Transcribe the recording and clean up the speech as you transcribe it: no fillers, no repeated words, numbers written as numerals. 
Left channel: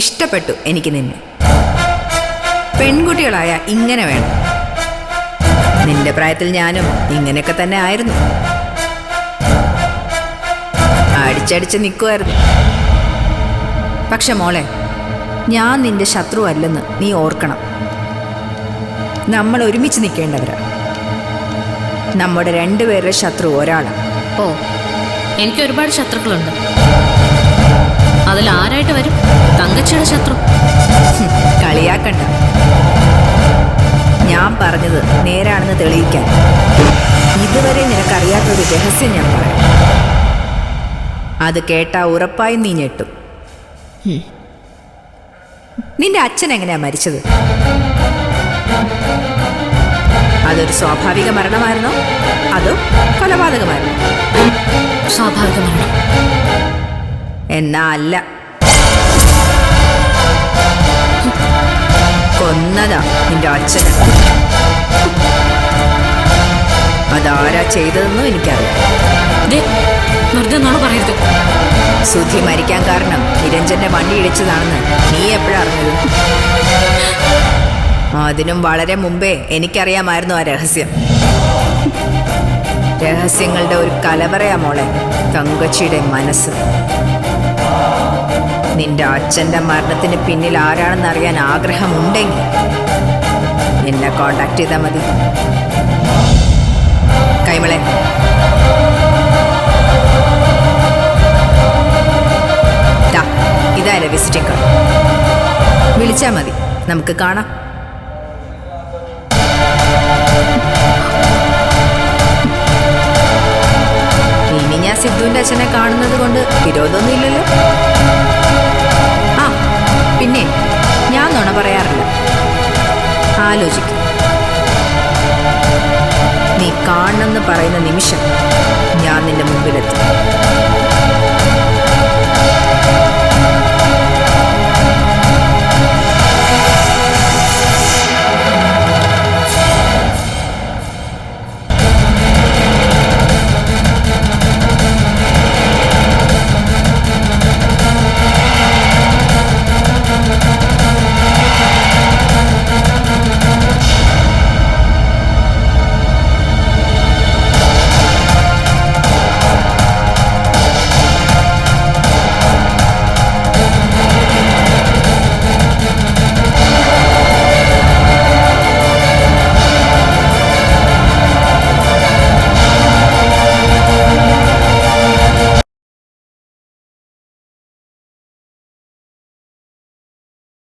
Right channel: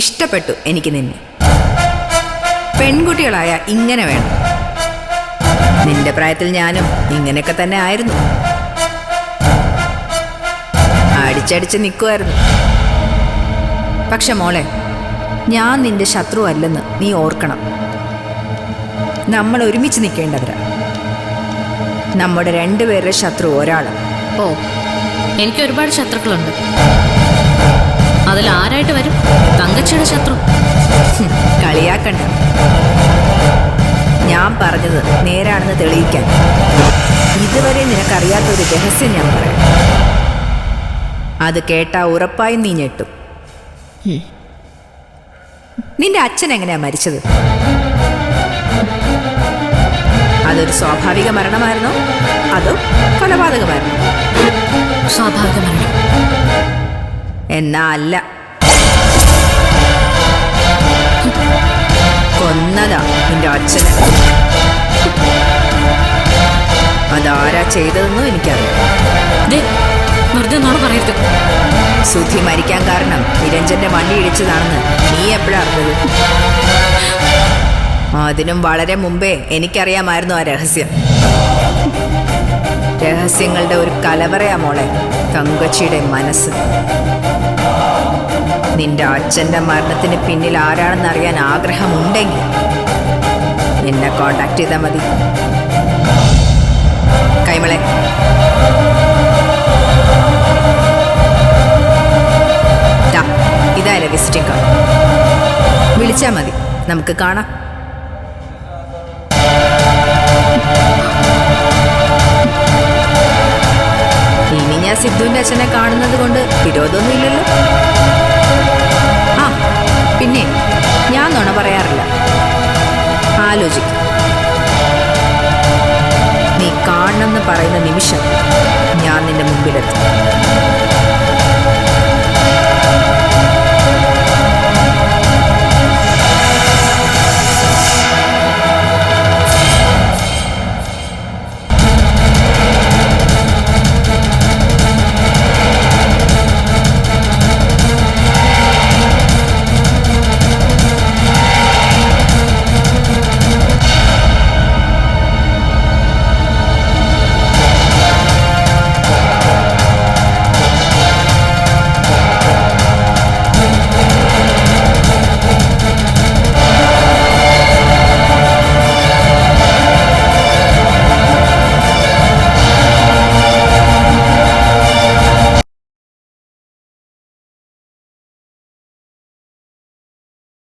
ഇഷ്ടപ്പെട്ടു എനിക്ക് നിന്നെ. പെൺകുട്ടികളായ ഇങ്ങനെ വേണം. നിന്റെ പ്രായത്തിൽ ഞാനും ഇങ്ങനെയൊക്കെ തന്നെ ആയിരുന്നു. അടിച്ചടിച്ച് നിൽക്കുമായിരുന്നു. പക്ഷെ മോളെ, ഞാൻ നിന്റെ ശത്രു അല്ലെന്ന് നീ ഓർക്കണം. നമ്മൾ ഒരുമിച്ച് നിൽക്കേണ്ടവരാ. നമ്മുടെ രണ്ടുപേരുടെ ശത്രു ഒരാളാണ്. ഓ, എനിക്ക് ഒരുപാട് ശത്രുക്കളുണ്ട്. അതിൽ ആരായിട്ട് വരും തങ്കച്ചിയുടെ ശത്രു? കളിയാക്കണ്ട. ഞാൻ പറഞ്ഞത് നേരാണെന്ന് തെളിയിക്കാൻ ഇതുവരെ നിനക്കറിയാത്തൊരു രഹസ്യം ഞാൻ പറയാം. അത് കേട്ടാ ഉറപ്പായും നീ ഞെട്ടും. നിന്റെ അച്ഛൻ എങ്ങനെയാ മരിച്ചത്? അതൊരു സ്വാഭാവിക മരണമായിരുന്നോ അതോ കൊലപാതകമായിരുന്നോ? സ്വാഭാവിക മരണം. എന്നാ അല്ല, കൊന്നതാ നിന്റെ അച്ഛന്. അതാരാ ചെയ്തതെന്നും എനിക്കറിയാം. വെറുതെ നോണ പറയരുത്. സുധി മരിക്കാൻ കാരണം നിരഞ്ജന്റെ വണ്ടി ഇടിച്ചതാണെന്ന് നീ എപ്പോഴാ അറിഞ്ഞത്? അതിനും വളരെ മുമ്പേ എനിക്കറിയാമായിരുന്നു ആ രഹസ്യം. രഹസ്യങ്ങളുടെ ഒരു കലവറയാ മോളെ തങ്കച്ചിയുടെ മനസ്സ്. നിന്റെ അച്ഛന്റെ മരണത്തിന് പിന്നിൽ ആരാണെന്ന് അറിയാൻ ആഗ്രഹമുണ്ടെങ്കിൽ എന്നെ കോണ്ടാക്ട് ചെയ്താൽ മതി. കൈമളെ, ഇതായാലും വിസിറ്റിംഗ് കാർഡ്. വിളിച്ചാൽ മതി, നമുക്ക് കാണാം. ഇനി ഞാൻ സിദ്ധുവിന്റെ അച്ഛനെ കാണുന്നത് കൊണ്ട് വിരോധമൊന്നും ഇല്ലല്ലോ. ആ പിന്നെ, ഞാൻ നുണ പറയാറില്ല. ആലോചിക്കും. നീ കാണണമെന്ന് പറയുന്ന നിമിഷം ഞാൻ നിന്റെ മുമ്പിലെത്തും.